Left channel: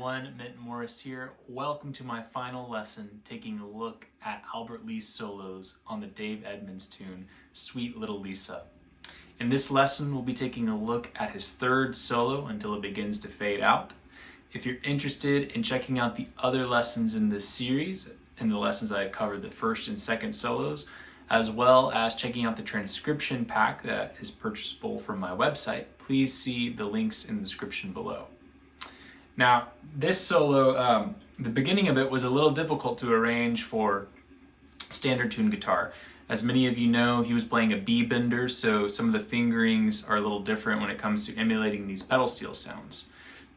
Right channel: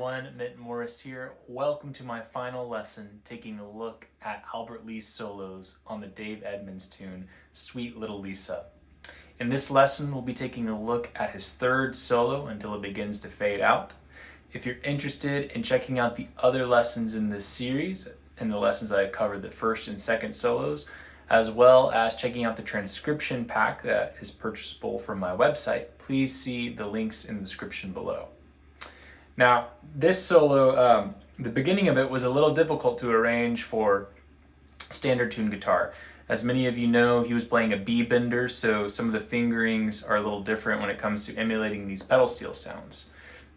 everyone, Mint Morris here. Welcome to my final lesson, taking a look at Albert Lee's solos on the Dave Edmund's tune, Sweet Little Lisa. In this lesson, we'll be taking a look at his third solo until it begins to fade out. If you're interested in checking out the other lessons in this series, and the lessons I covered the first and second solos, as well as checking out the transcription pack that is purchasable from my website, please see the links in the description below. Now, this solo, the beginning of it was a little difficult to arrange for standard tune guitar. As many of you know, he was playing a B bender, so some of the fingerings are a little different when it comes to emulating these pedal steel sounds.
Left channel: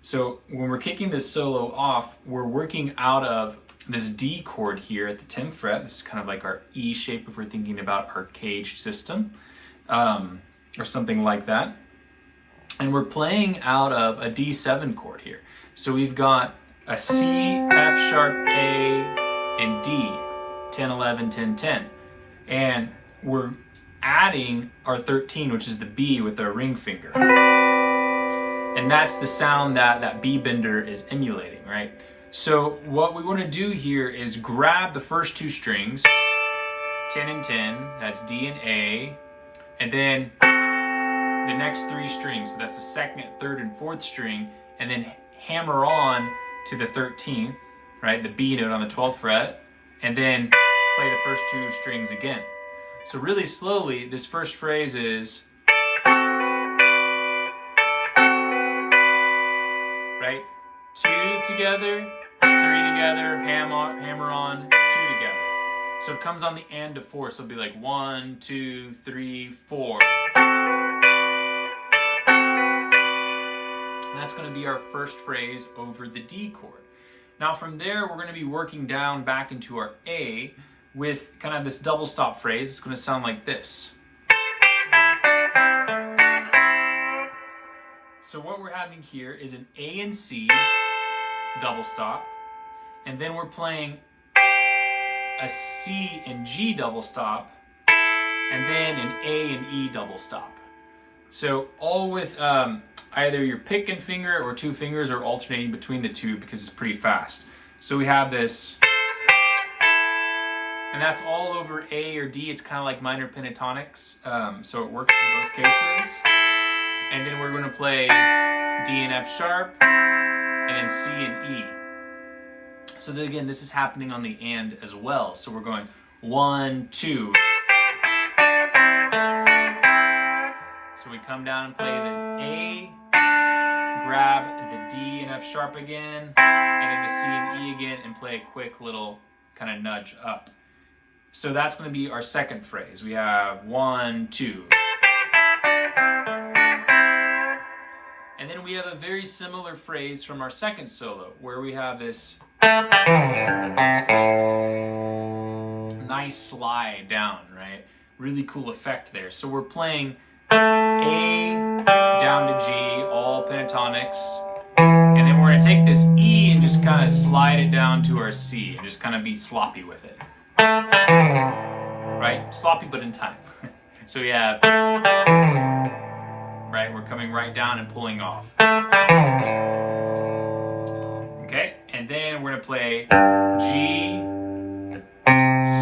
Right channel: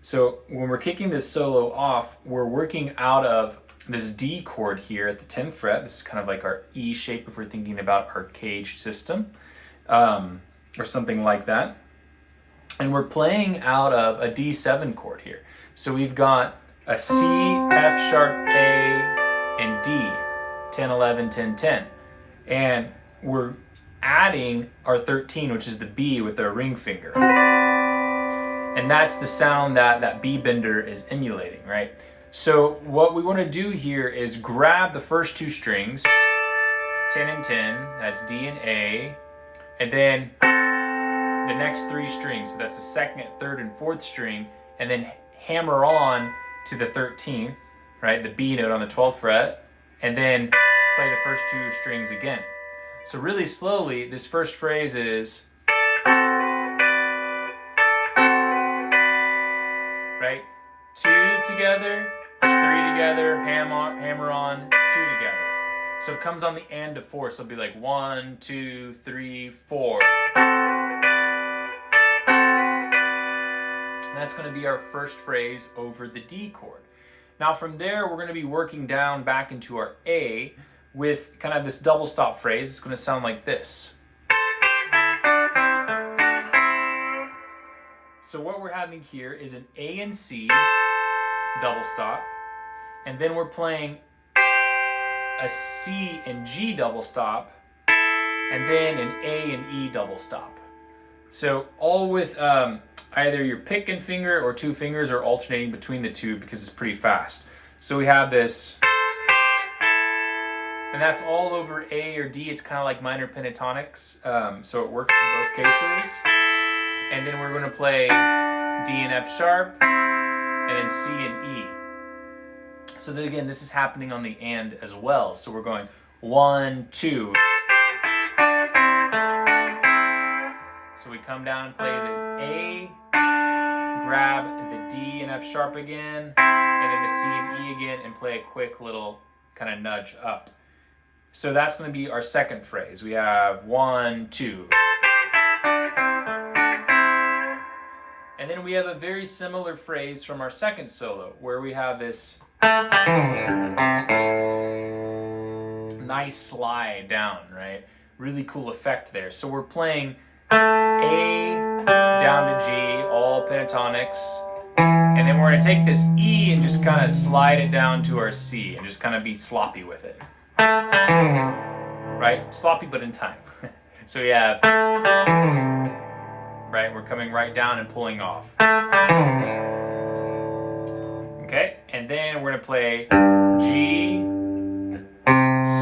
So when we're kicking this solo off, we're working out of this D chord here at the 10th fret. This is kind of like our E shape if we're thinking about our caged system, or something like that. And we're playing out of a D7 chord here. So we've got a C, F sharp, A, and D, 10, 11, 10, 10. And we're adding our 13, which is the B with our ring finger. And that's the sound that B bender is emulating, right? So what we want to do here is grab the first two strings, 10 and 10, that's D and A, and then the next three strings, so that's the second, third, and fourth string, and then hammer on to the 13th, right, the B note on the 12th fret, and then play the first two strings again. So really slowly, this first phrase is, right, 2 together, 3 together, hammer on, 2 together. So it comes on the and to 4, so it'll be like 1, 2, 3, 4. And that's going to be our first phrase over the D chord. Now from there, we're going to be working down back into our A with kind of this double stop phrase. It's going to sound like this. So what we're having here is an A and C double stop, and then we're playing a C and G double stop, and then an A and E double stop. So all with either your pick and finger or two fingers, or alternating between the two because it's pretty fast. So we have this, and that's all over A or D. It's kind of like minor pentatonics, so it works in both cases. And then we're going to play D and F sharp, and then C and E. So then again, this is happening on the and as well. So we're going 1, 2. So we come down and play the A, grab the D and F sharp again, and then the C and E again, and play a quick little kind of nudge up. So that's going to be our second phrase. We have 1, 2. And then we have a very similar phrase from our second solo, where we have this nice slide down, right? Really cool effect there. So we're playing A down to G, all pentatonics, and then we're going to take this E and just kind of slide it down to our C and just kind of be sloppy with it. Right? Sloppy but in time. So we have, right, we're coming right down and pulling off. Okay, and then we're going to play G,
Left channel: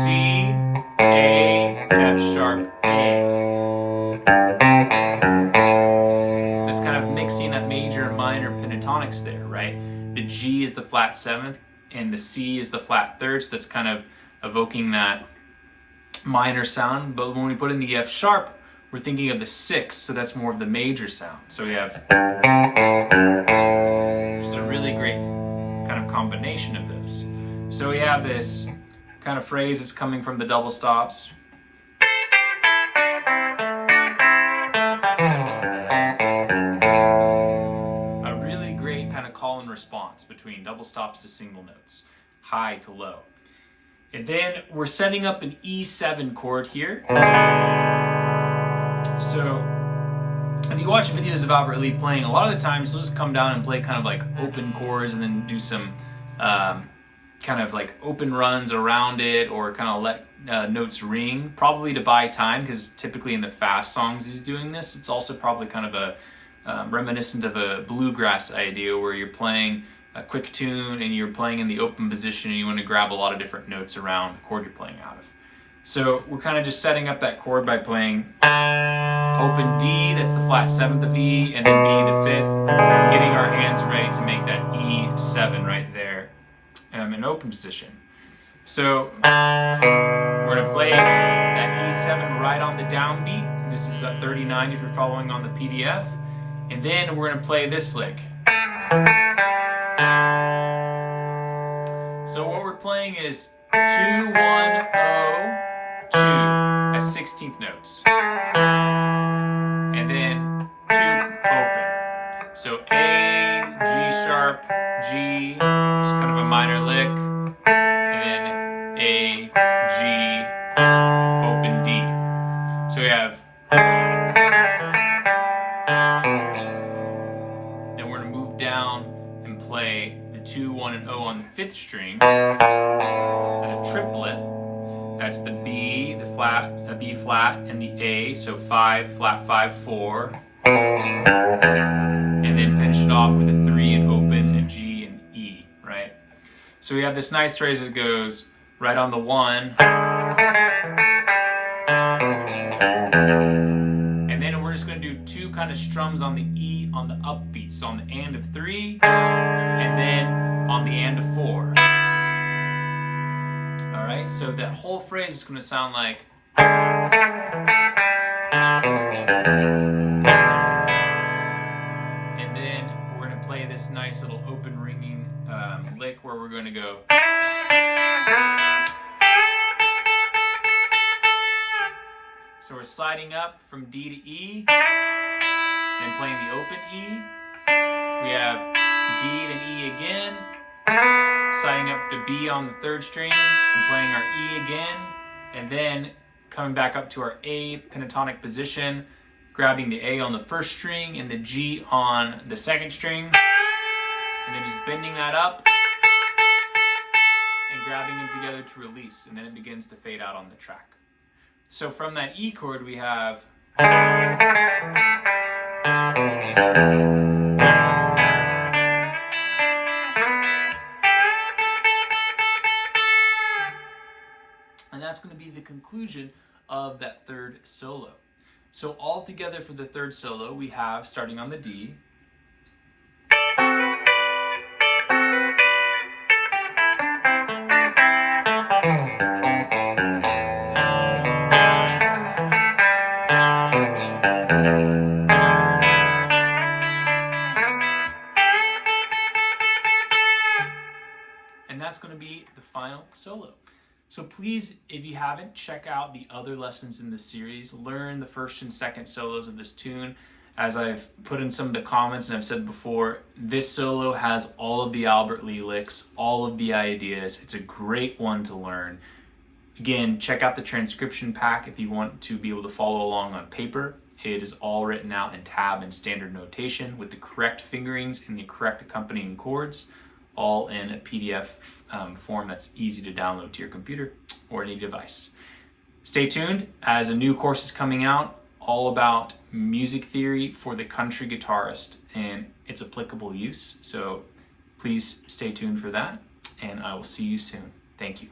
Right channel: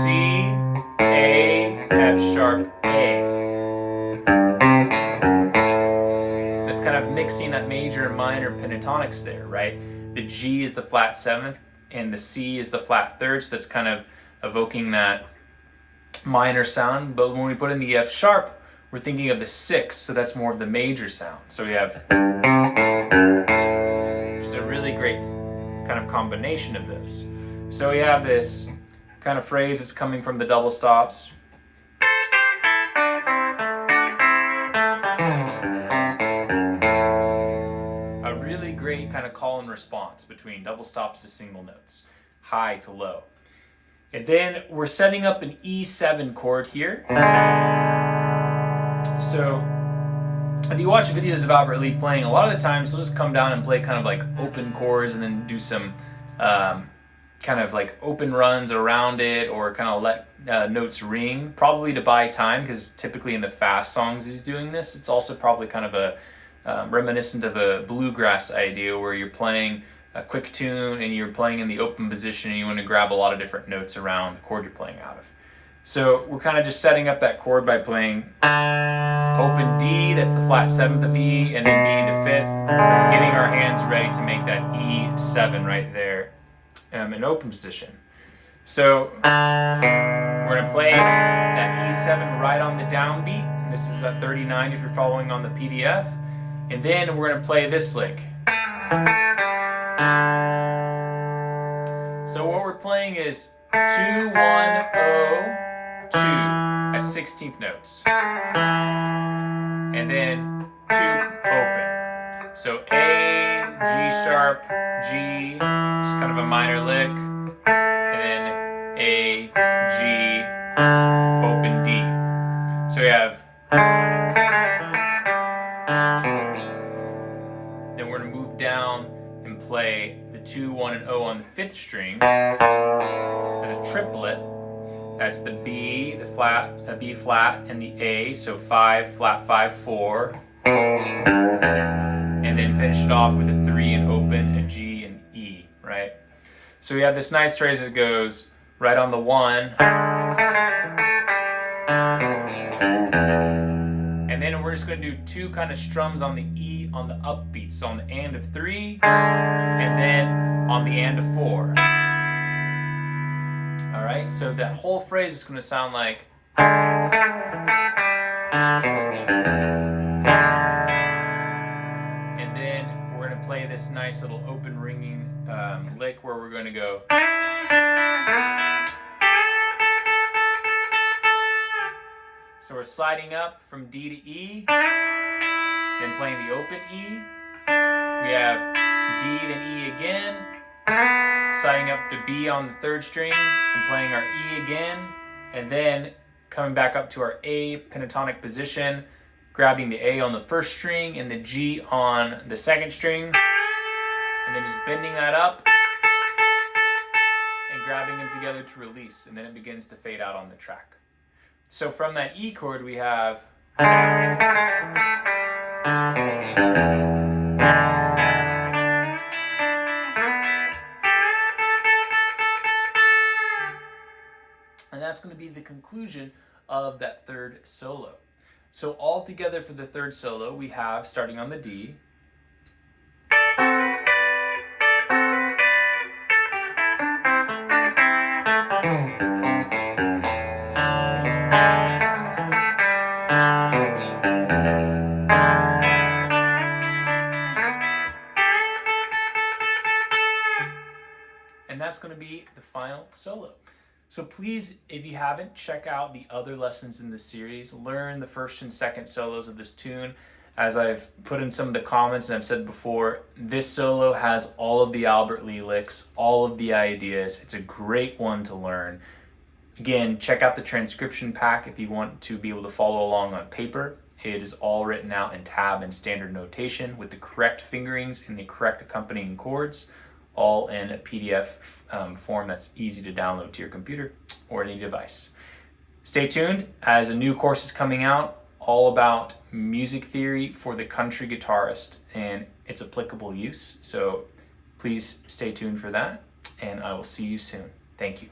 C, A, F sharp, A. That's kind of mixing that major and minor pentatonics there, right? The G is the flat 7th, and the C is the flat 3rd, so that's kind of evoking that minor sound. But when we put in the F sharp, we're thinking of the 6th, so that's more of the major sound. So we have, which is a really great kind of combination of those. So we have this kind of phrase that's coming from the double stops. A really great kind of call and response between double stops to single notes, high to low. And then we're setting up an E7 chord here. So if you watch videos of Albert Lee playing, a lot of the times he'll just come down and play kind of like open chords and then do some kind of like open runs around it, or kind of let notes ring, probably to buy time, because typically in the fast songs he's doing this. It's also probably kind of a reminiscent of a bluegrass idea where you're playing a quick tune and you're playing in the open position and you want to grab a lot of different notes around the chord you're playing out of. So we're kind of just setting up that chord by playing open D, that's the flat 7th of E, and then B the 5th, getting our hands ready to make that E7 right there in open position. So we're going to play that E7 right on the downbeat. This is at 39 if you're following on the PDF. And then we're going to play this lick. So what we're playing is 2, 1, 0, 2 as 16th notes. And then 2 open. So A, G sharp, G, just kind of a minor lick. And then A, G, open D. So we have. Then we're going to move down and play the 2, 1, and 0 on the 5th string as a triplet. That's the B, the flat, a B flat, and the A, so 5, flat 5, 4. And then finish it off with a 3 and open, a G and E, right? So we have this nice phrase that goes right on the 1. And then we're just going to do 2 kind of strums on the E on the upbeat. So on the and of 3, and then on the and of 4. All right, so that whole phrase is going to sound like. And then we're going to play this nice little open ringing lick where we're going to go. So we're sliding up from D to E, then playing the open E. We have D, then E again, sliding up to B on the 3rd string, and playing our E again, and then coming back up to our A pentatonic position, grabbing the A on the 1st string and the G on the 2nd string, and then just bending that up and grabbing them together to release, and then it begins to fade out on the track. So from that E chord we have. And that's going to be the conclusion of that 3rd solo. So all together for the 3rd solo, we have, starting on the D, and that's going to be the final solo. So please, if you haven't, check out the other lessons in this series. Learn the 1st and 2nd solos of this tune. As I've put in some of the comments and I've said before, this solo has all of the Albert Lee licks, all of the ideas. It's a great one to learn. Again, check out the transcription pack if you want to be able to follow along on paper. It is all written out in tab and standard notation with the correct fingerings and the correct accompanying chords, all in a PDF form that's easy to download to your computer or any device. Stay tuned as a new course is coming out all about music theory for the country guitarist and its applicable use. So please stay tuned for that, and I will see you soon. Thank you.